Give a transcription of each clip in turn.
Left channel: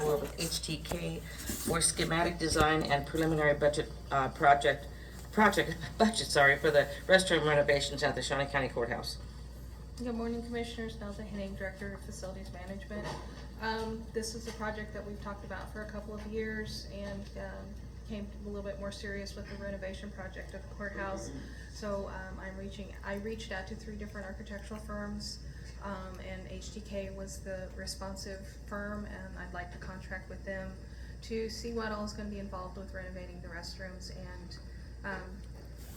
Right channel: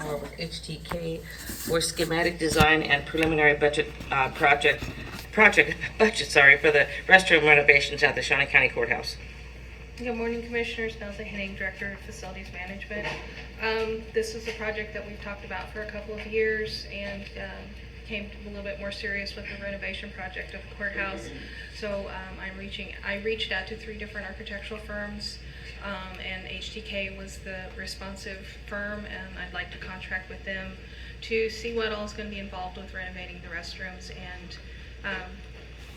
Award with HTK for schematic design and preliminary budget, budget, for the restroom renovations at the Shawnee County Courthouse. Good morning, Commissioners. Nelson Henning, Director of Facilities Management. This is a project that we've talked about for a couple of years and came a little bit more serious with the renovation project of the courthouse. So I reached out to 3 different architectural firms, and HTK was the responsive firm, and I'd like to contract with them to see what all is going to be involved with renovating the restrooms and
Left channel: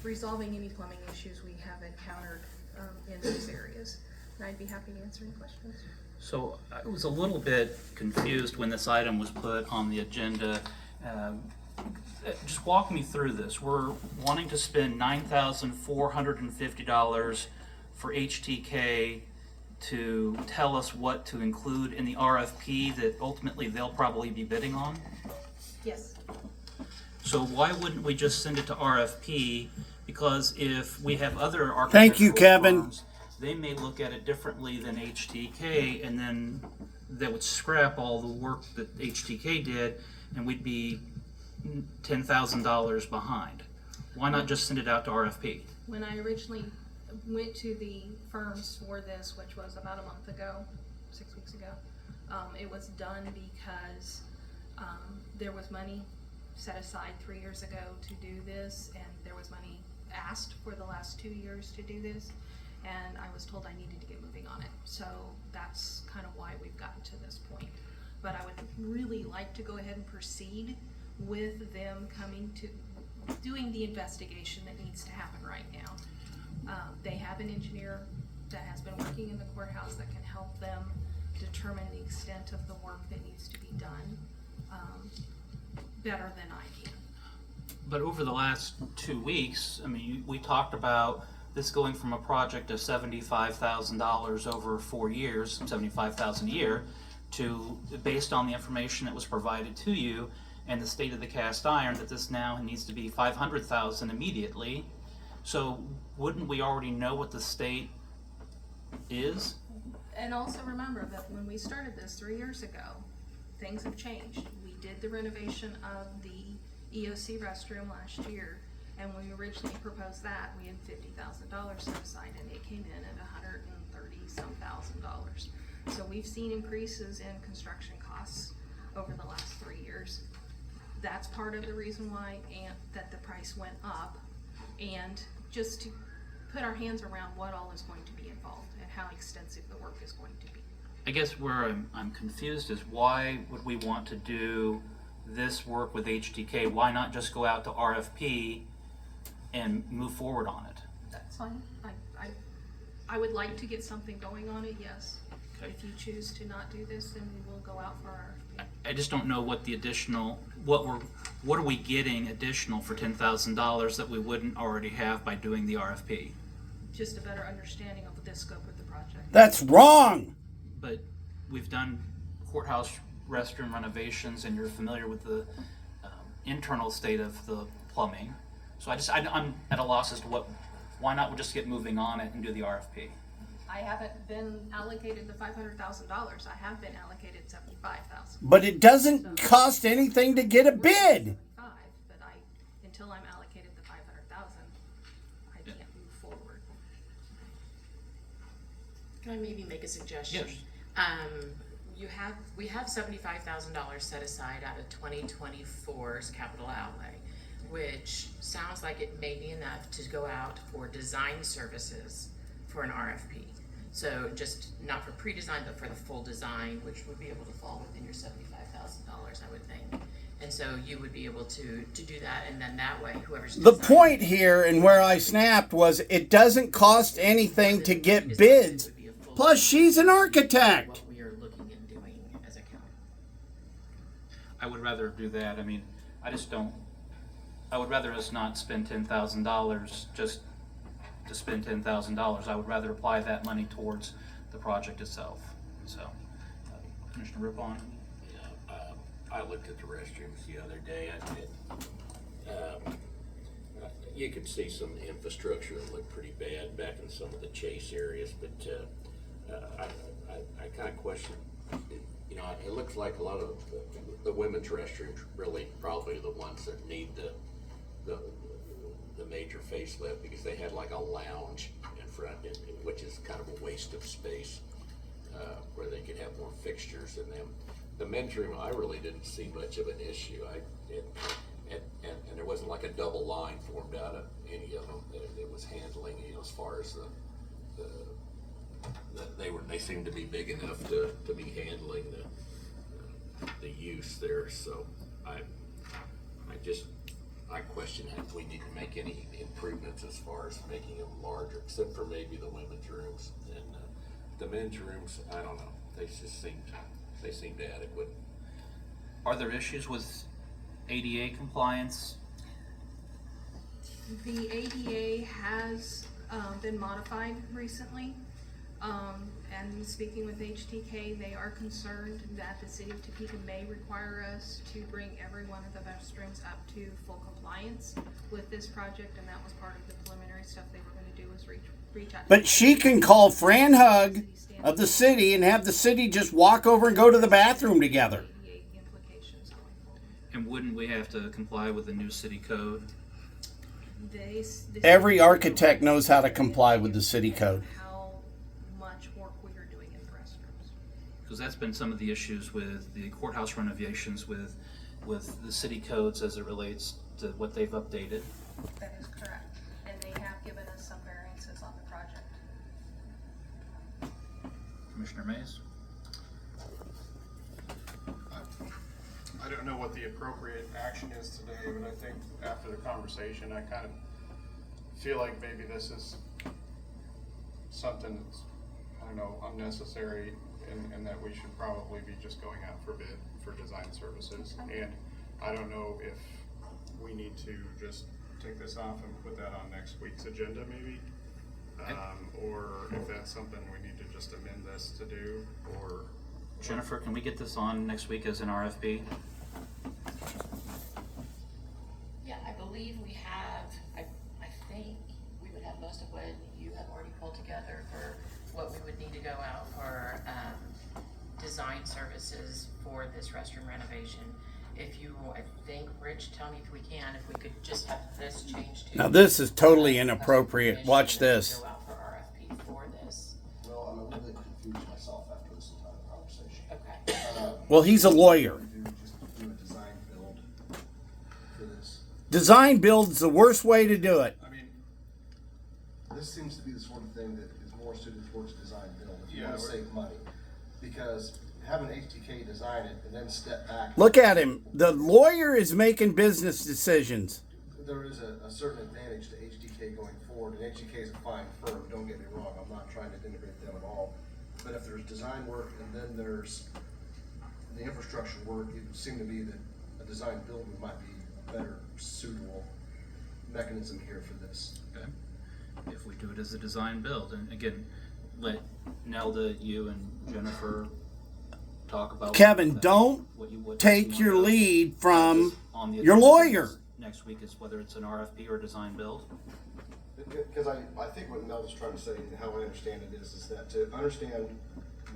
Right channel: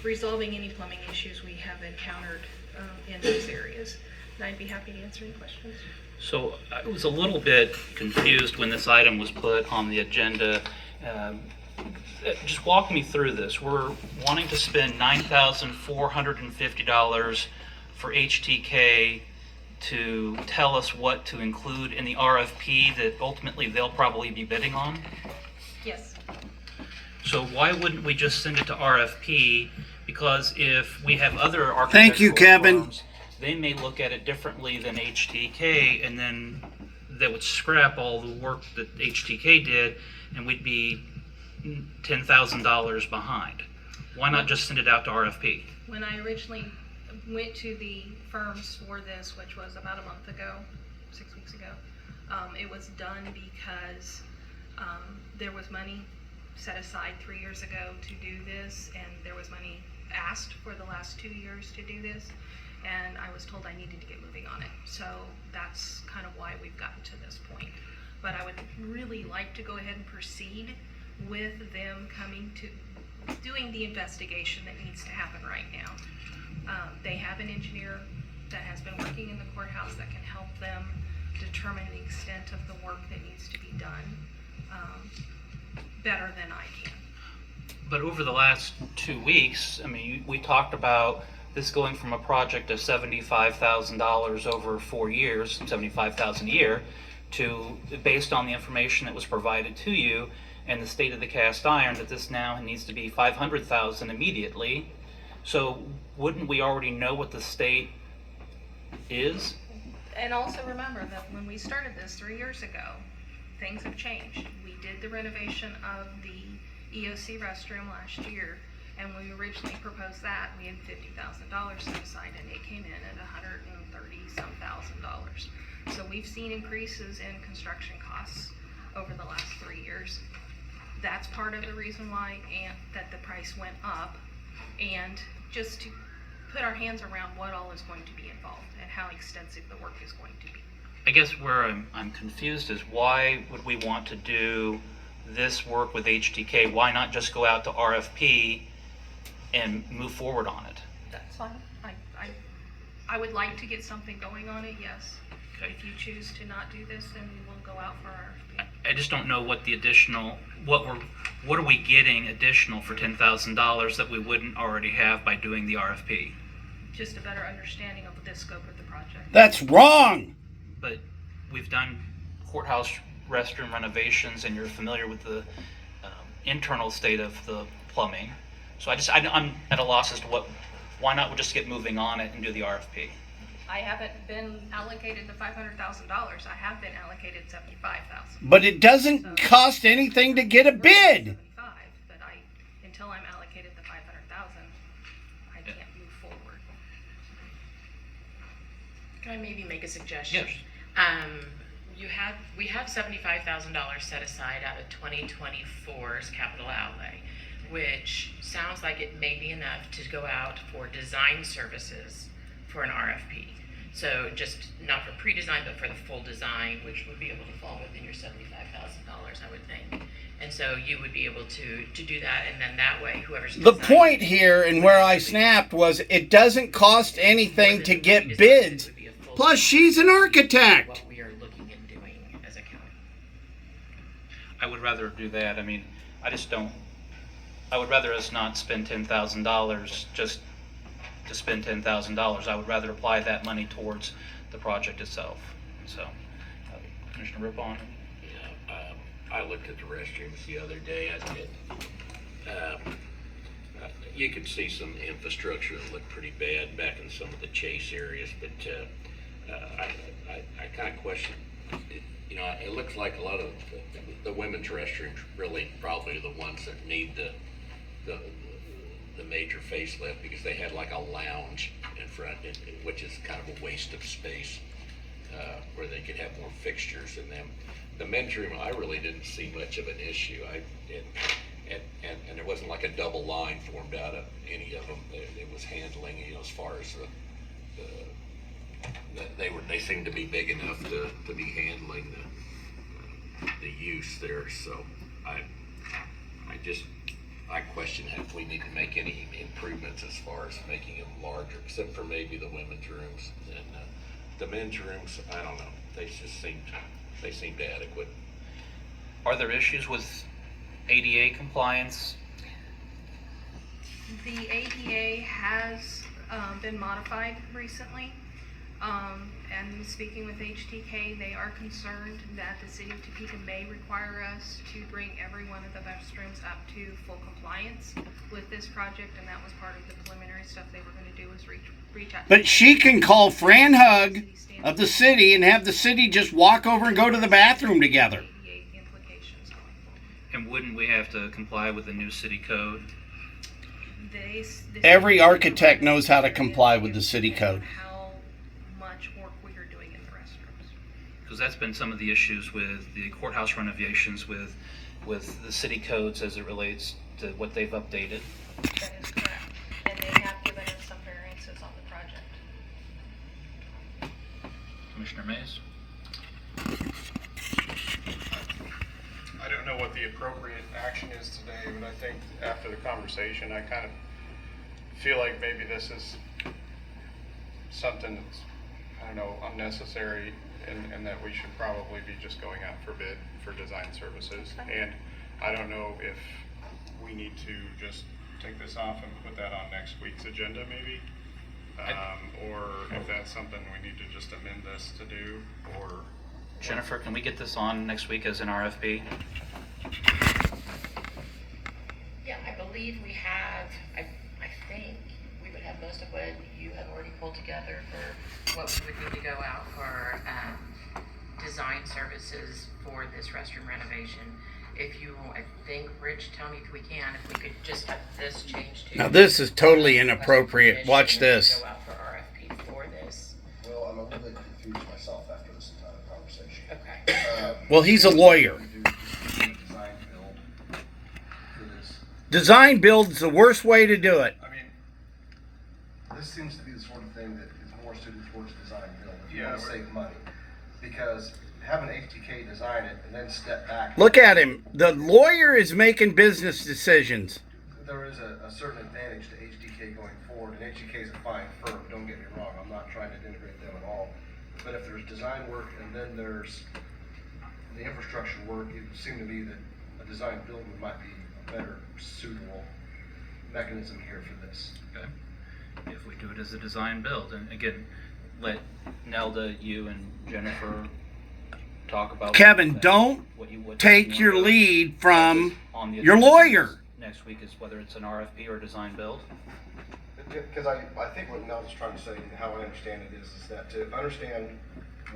resolving any plumbing issues we have encountered in those areas. And I'd be happy to answer any questions. So I was a little bit confused when this item was put on the agenda. Just walk me through this. We're wanting to spend $9,450 for HTK to tell us what to include in the RFP that ultimately they'll probably be bidding on. Yes. So why wouldn't we just send it to RFP? Because if we have other architectural Thank you, Kevin. firms, they may look at it differently than HTK, and then they would scrap all the work that HTK did, and we'd be $10,000 behind. Why not just send it out to RFP? When I originally went to the firms for this, which was about a month ago, 6 weeks ago, it was done because there was money set aside 3 years ago to do this, and there was money asked for the last 2 years to do this, and I was told I needed to get moving on it. So that's kind of why we've gotten to this point. But I would really like to go ahead and proceed with them coming to doing the investigation that needs to happen right now. They have an engineer that has been working in the courthouse that can help them determine the extent of the work that needs to be done better than I can. But over the last 2 weeks, I mean, we talked about this going from a project of $75,000 over 4 years, $75,000 a year, to, based on the information that was provided to you and the state of the cast iron, that this now needs to be $500,000 immediately. So wouldn't we already know what the state is? And also remember that when we started this 3 years ago, things have changed. We did the renovation of the EOC restroom last year, and when we originally proposed that, we had $50,000 set aside, and it came in at $130-some thousand. So we've seen increases in construction costs over the last 3 years. That's part of the reason why that the price went up, and just to put our hands around what all is going to be involved and how extensive the work is going to be. I guess where I'm confused is why would we want to do this work with HTK? Why not just go out to RFP and move forward on it? That's fine. I would like to get something going on it, yes. Okay. If you choose to not do this, then we will go out for RFP. I just don't know what the additional, what are we getting additional for $10,000 that we wouldn't already have by doing the RFP? Just a better understanding of the scope of the project. That's wrong. But we've done courthouse restroom renovations, and you're familiar with the internal state of the plumbing. So I'm at a loss as to why not we'll just get moving on it and do the RFP. I haven't been allocated the $500,000. I have been allocated $75,000. But it doesn't cost anything to get a bid. But until I'm allocated the $500,000, I can't move forward. Can I maybe make a suggestion? Yes. We have $75,000 set aside out of 2024's capital outlay, which sounds like it may be enough to go out for design services for an RFP. So just not for pre-design, but for the full design, which would be able to fall within your $75,000, I would think. And so you would be able to do that, and then that way, whoever's The designing point here and where I snapped was it doesn't cost anything to get bids. would be a full Plus, she's an architect. what we are looking and doing as a county. I would rather do that. I mean, I would rather us not spend $10,000 just to spend $10,000. I would rather apply that money towards the project itself. So, Commissioner Rippon? Yeah, I looked at the restrooms the other day. I did. You could see some infrastructure that looked pretty bad back in some of the chase areas, but I kind of question, you know, it looks like a lot of the women's restrooms really probably are the ones that need the major facelift, because they had like a lounge in front, which is kind of a waste of space, where they could have more fixtures in them. The men's room, I really didn't see much of an issue. And there wasn't like a double line formed out of any of them. It was handling, you know, as far as they seemed to be big enough to be handling the use there. So I question if we need to make any improvements as far as making them larger, except for maybe the women's rooms. And the men's rooms, I don't know. They seemed adequate. Are there issues with ADA compliance? The ADA has been modified recently, and speaking with HTK, they are concerned that the city of Topeka may require us to bring every one of the restrooms up to full compliance with this project, and that was part of the preliminary stuff they were going to do, was reach out. But she can call Fran Hug of the city and have the city just walk over and go to the bathroom together. ADA implications going forward. And wouldn't we have to comply with the new city code? Every architect knows how to comply with the city code. How much work we are doing in the restrooms. Because that's been some of the issues with the courthouse renovations with the city codes as it relates to what they've updated. That is correct. And they have given us some variances on the project. Commissioner Mays? I don't know what the appropriate action is today, but I think after the conversation, I kind of feel like maybe this is something that's, I don't know, unnecessary, and that we should probably be just going out for bid for design services. And I don't know if we need to just take this off and put that on next week's agenda maybe, or if that's something we need to just amend this to do, or... Jennifer, can we get this on next week as an RFP? Yeah, I believe we have, I think we would have most of what you have already pulled together for what we would need to go out for design services for this restroom renovation. If you, I think, Rich, tell me if we could just have this changed to... Now this is totally inappropriate. Watch this. Go out for RFP for this. Well, I'm a little bit confused myself after this entire conversation. Okay. Well, he's a lawyer. We do design build for this. Design build's the worst way to do it. I mean, This seems to be the sort of thing that is more suited towards design build. If you Yeah, want to save money. Because having HTK design it and then step back. Look at him. The lawyer is making business decisions. There is a certain advantage to HTK going forward, and HTK is a fine firm, don't get me wrong, I'm not trying to denigrate them at all. But if there's design work and then there's the infrastructure work, it would seem to me that a design build might be a better suitable mechanism here for this. Okay. If we do it as a design build, and again, let Nelda, you and Jennifer talk about... Kevin, don't take your lead from your lawyer. Next week is whether it's an RFP or a design build. Because I think what Nels is trying to say, and how I understand it is that to understand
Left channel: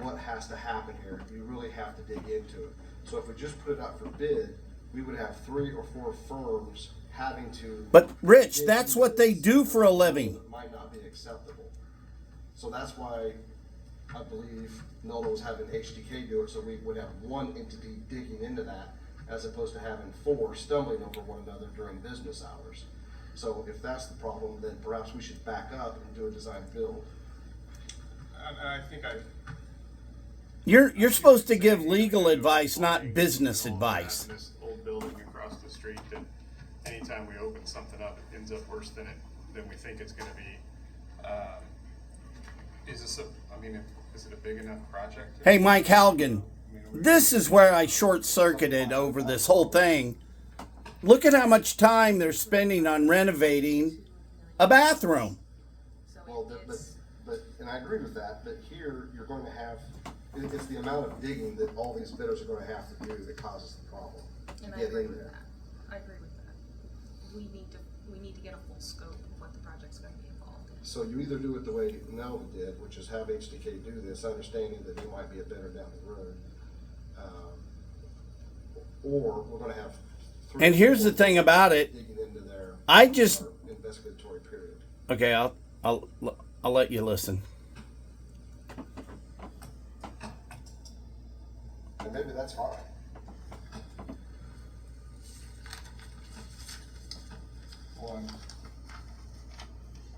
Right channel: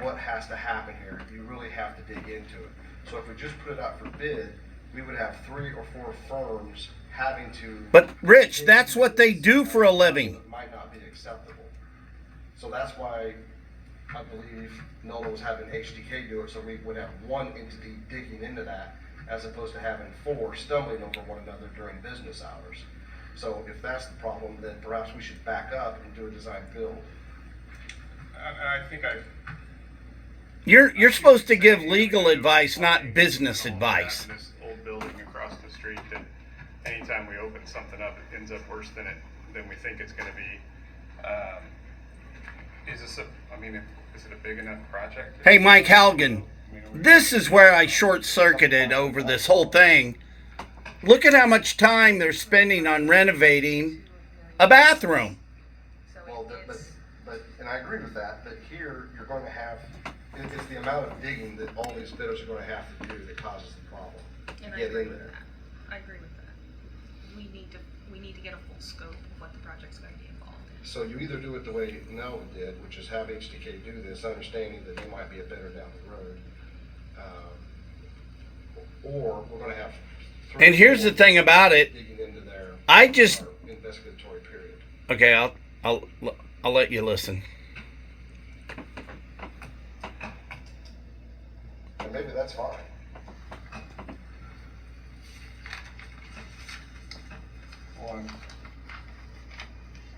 what has to happen here, you really have to dig into it. So if we just put it out for bid, we would have 3 or 4 firms having to... But Rich, that's what they do for a living. It might not be acceptable. So that's why I believe Nelda was having HDK do it, so we would have one entity digging into that, as opposed to having 4 stumbling over one another during business hours. So if that's the problem, then perhaps we should back up and do a design build. I think You're supposed to give legal advice, not business advice. This old building across the street, that anytime we open something up, it ends up worse than we think it's going to be. Is it a big enough project? Hey, Mike Halgan, this is where I short-circuited over this whole thing. Look at how much time they're spending on renovating a bathroom. So Well, it's, but and I agree with that, but here you're going to have, it's the amount of digging that all these bidders are going to have to do that causes the problem. and I Get agree in with there. that. I agree with that. We need to get a full scope of what the project's going to be involved in. So you either do it the way Nelda did, which is have HDK do this, understanding that they might be a better down the road, Or we're gonna have. And here's the thing about it. Digging into their. I just- our investigatory period. Okay, I'll let you listen. And maybe that's fine. One,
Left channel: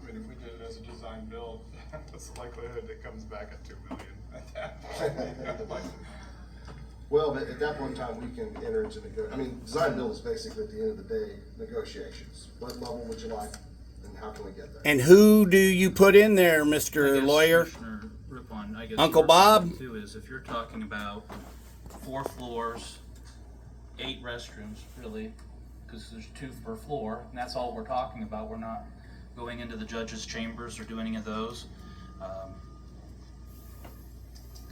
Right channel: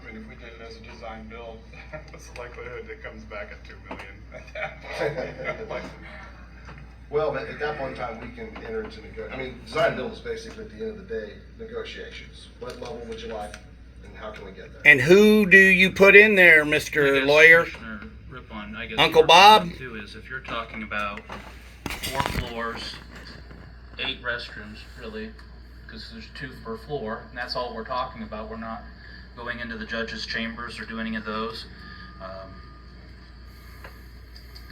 I mean, if we did it as a design build, what's the likelihood it comes back at 2 million at that point? Like, Well, but at that point in time, we can enter into design build is basically at the end of the day, negotiations. What level would you like and how can we get there? And who do you put in there, I Mr. guess, Lawyer? Commissioner Rippon, I guess Uncle your Bob? point too is if you're talking about 4 floors, 8 restrooms, really, because there's 2 per floor, and that's all we're talking about. We're not going into the judge's chambers or doing any of those.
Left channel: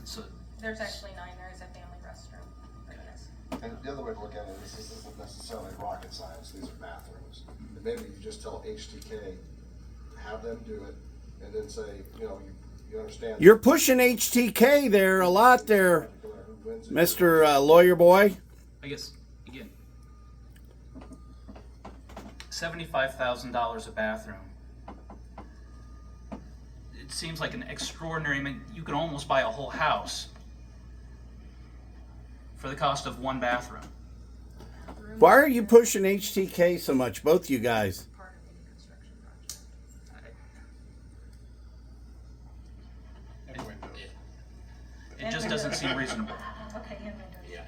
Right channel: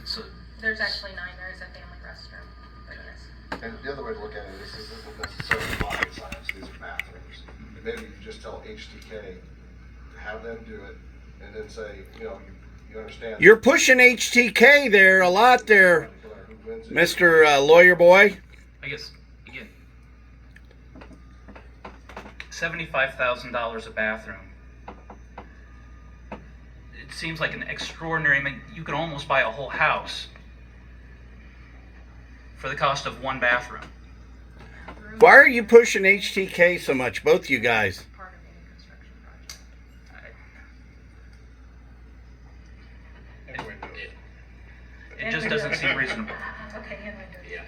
It's a, There's actually 9, there is a family restroom, but yes. And the other way to look at it is this isn't necessarily rocket science, these are bathrooms. And maybe you just tell HTK, have them do it, and then say, you understand. You're pushing HTK there a lot there, Who wins it. Mr. Lawyer boy. I guess, again, $75,000 a bathroom. It seems like an extraordinary, I mean, you could almost buy a whole house for the cost of 1 bathroom. Why are you pushing HTK so much, both you guys? Part of any construction project. anyway, It just doesn't seem reasonable. Okay, yeah, no, Yeah,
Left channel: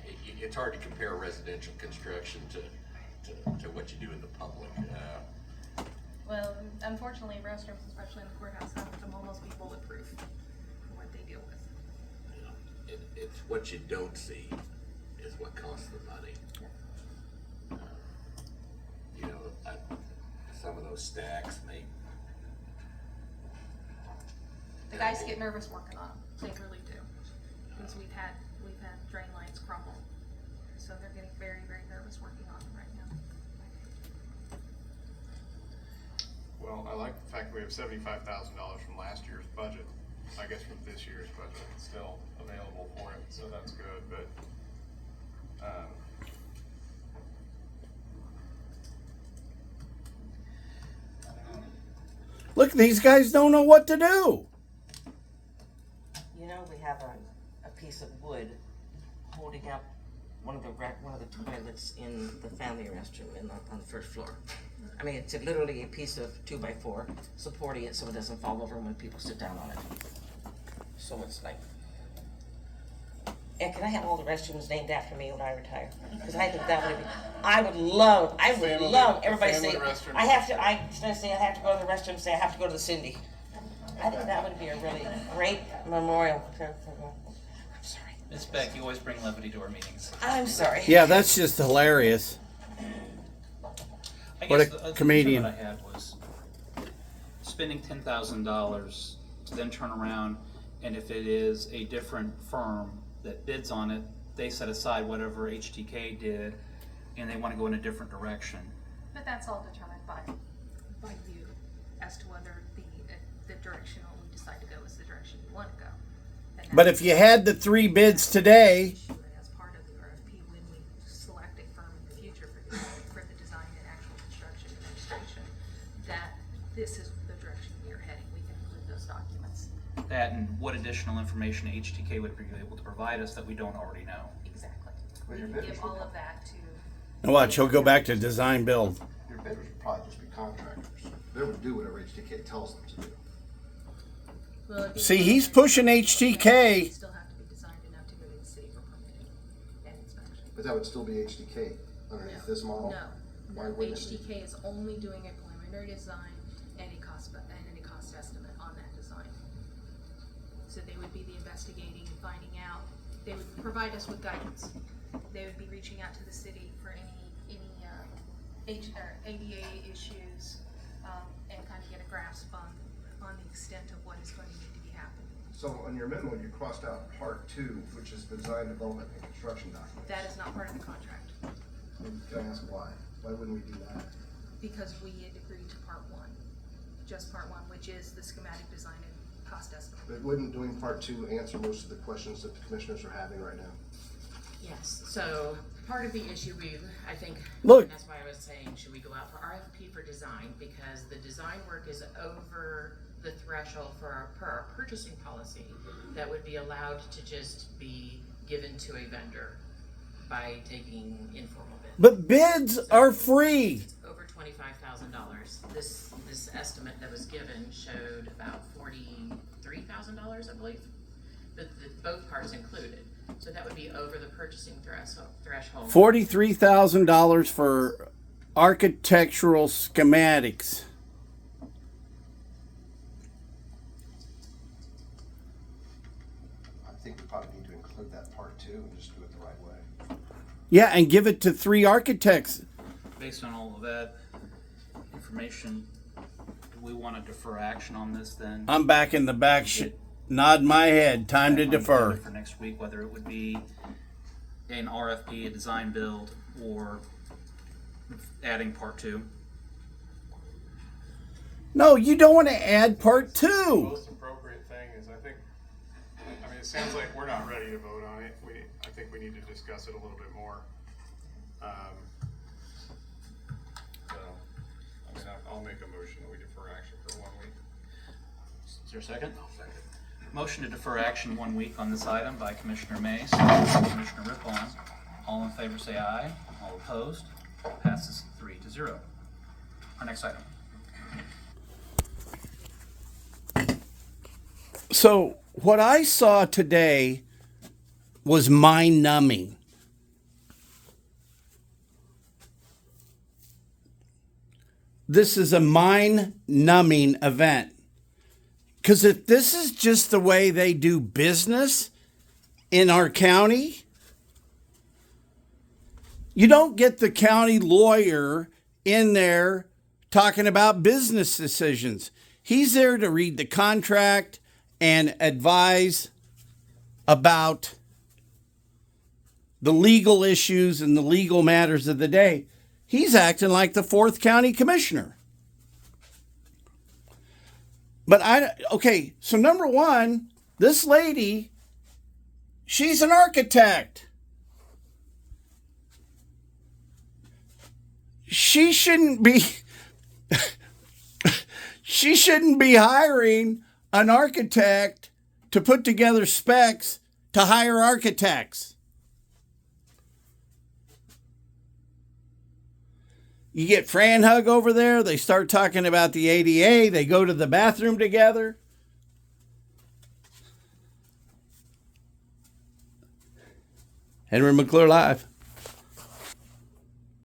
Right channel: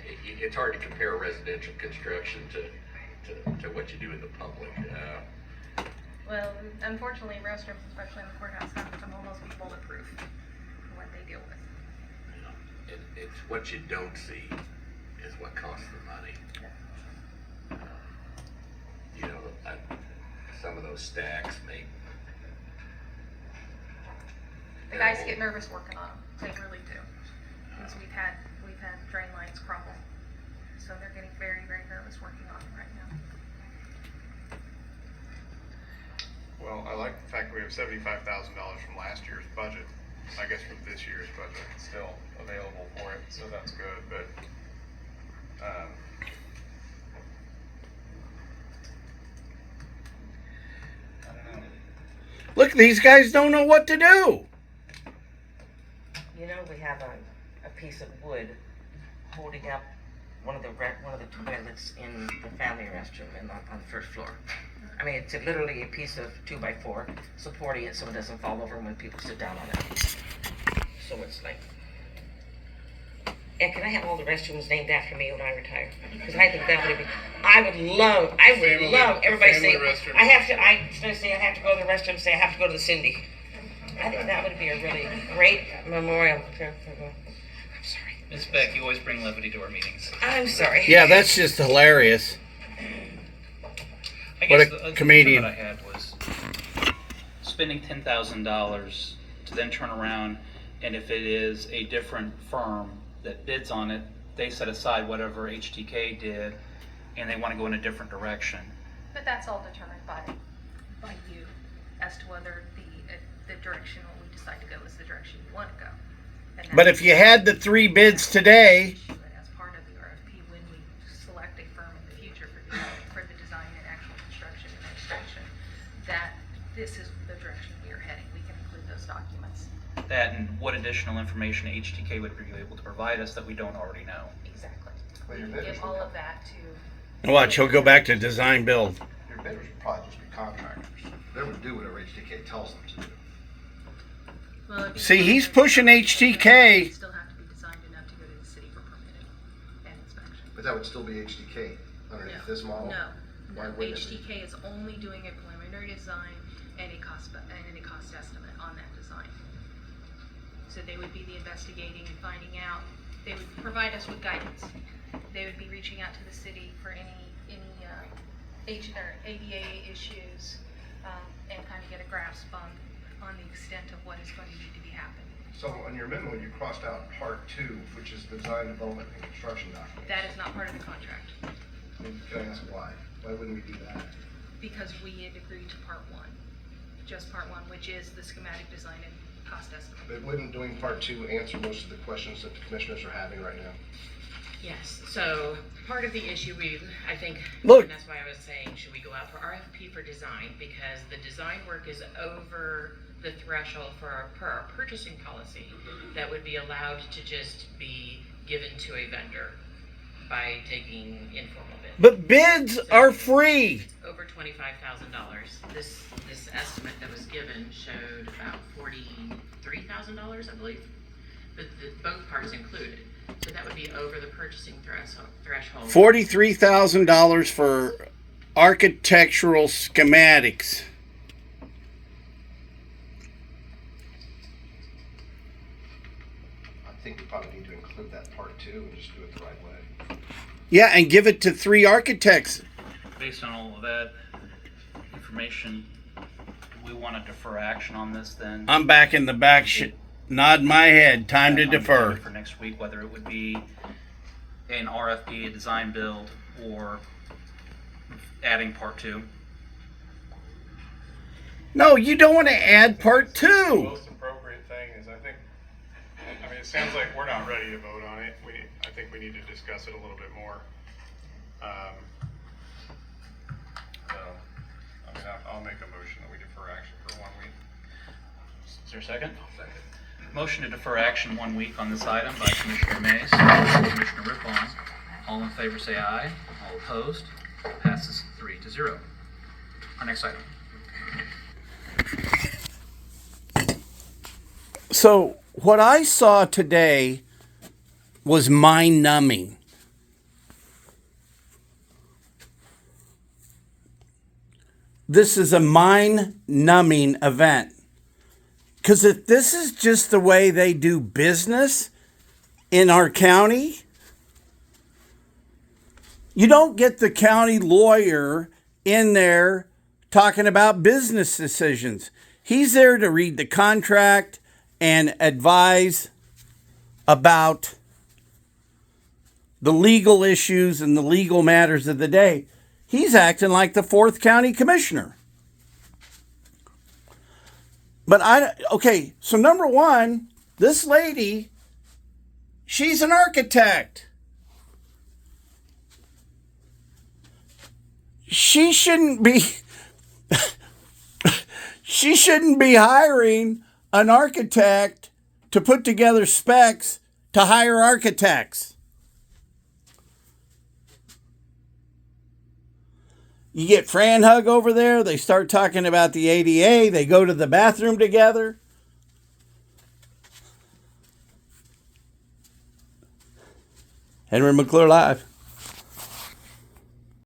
it's hard to compare residential construction to what you do in the public. Well, unfortunately, restrooms, especially in the courthouse, have become almost bulletproof for what they deal with. It's what you don't see is what costs the money. Some of those stacks make. The guys get nervous working on them, they really do. Because we've had drain lines crumble, so they're getting very, very nervous working on them right now. well, I like the fact we have $75,000 from last year's budget. I guess from this year's budget, it's still available for it, so that's good, but, I don't know. Look, these guys don't know what to do. You know, we have a piece of wood holding up one of the toilets in the family restroom on the first floor. I mean, it's literally a piece of 2x4 supporting it so it doesn't fall over when people sit down on it. So it's like, and can I have all the restrooms named after me when I retire? Because I think that would be, I would love everybody to say, family restroom. I have to go to the restroom, say I have to go to the Cindy. I think that would be a really great memorial. I'm sorry. Ms. Beck, you always bring levity to our meetings. I'm sorry. Yeah, that's just hilarious. I What guess a the other comedian. concern I had was spending $10,000 to then turn around, and if it is a different firm that bids on it, they set aside whatever HTK did, and they want to go in a different direction. But that's all determined by you as to whether the direction we decide to go is the direction you want to go. And But if you had the 3 bids today, as part of the RFP, when we select a firm in the future for the design and actual construction and administration, that this is the direction we are heading, we can include those documents. That and what additional information HTK would be able to provide us that we don't already know. Exactly. Well, We your can bidders give will all come. of that to, and watch, he'll go back to design build. Your bidders would probably just be contractors. They would do whatever HTK tells them to do. well, it'd be. See, he's pushing HTK. It'd still have to be designed enough to go to the city for permitting and inspection. But that would still be HTK underneath this model? No, Why no, wouldn't it be? HTK is only doing a preliminary design and a cost estimate on that design. So they would be the investigating and finding out, they would provide us with guidance. They would be reaching out to the city for any ADA issues, and kind of get a grasp on the extent of what is going to need to be happening. So on your memo, you crossed out part 2, which is the design, development, and construction document. That is not part of the contract, Can I ask why? Why wouldn't we do that? because we had agreed to part 1, just part 1, which is the schematic design and cost estimate. But wouldn't doing part 2 answer most of the questions that the commissioners are having right now? Yes, so part of the issue I think, Look. and that's why I was saying, should we go out for RFP for design? Because the design work is over the threshold per our purchasing policy that would be allowed to just be given to a vendor by taking informal bids. But bids are free. Over $25,000. This estimate that was given showed about $43,000, I believe, but both parts included. So that would be over the purchasing threshold. $43,000 for architectural schematics. I think we probably need to include that part too and just do it the right way. Yeah, and give it to 3 architects. Based on all of that information, do we want to defer action on this then? I'm back in the back, nod my head. Time to I'm defer. for next week, whether it would be an RFP, a design build, or adding part 2. No, you don't want to add part The 2. most appropriate thing is, I mean, it sounds like we're not ready to vote on it. I think we need to discuss it a little bit more. So, I mean, I'll make a motion that we defer action for 1 week. Is there a second? Motion to defer action 1 week on this item by Commissioner Mays, Commissioner Rippon. All in favor say aye. All opposed? Passes 3-0. Our next item. So, what I saw today was mind numbing. This is a mind numbing event. Because if this is just the way they do business in our county, you don't get the county lawyer in there talking about business decisions. He's there to read the contract and advise about the legal issues and the legal matters of the day. He's acting like the 4th county commissioner. But okay, so number 1, this lady, she's an architect. She shouldn't be hiring an architect to put together specs to hire architects. You get Fran Hug over there, they start talking about the ADA, they go to the bathroom together. Henry McClure Live.